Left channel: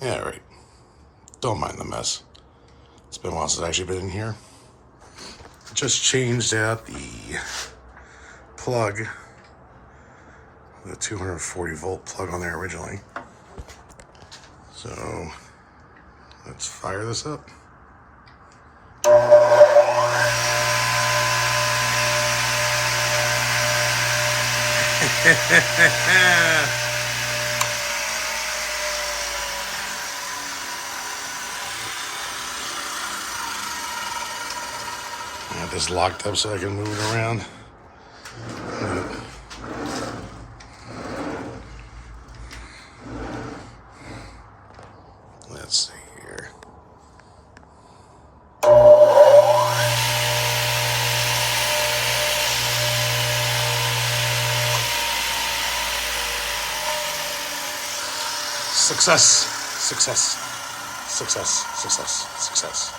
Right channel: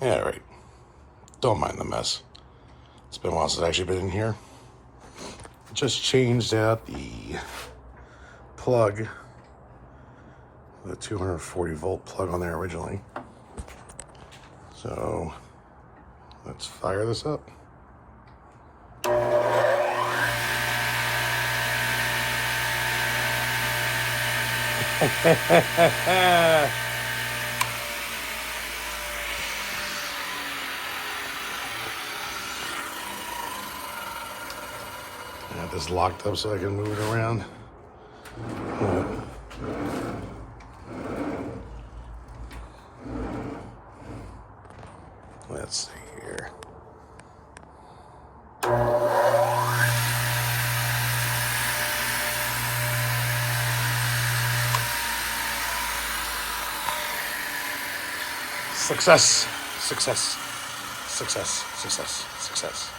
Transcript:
Yeah, right. Don't mind the mess. It's been a while since I've actually been in here. Just changed out the plug, the 240 volt plug on there originally. So let's fire this up. I have this locked up so I can move it around. Let's see here. Success, success, success, success, success.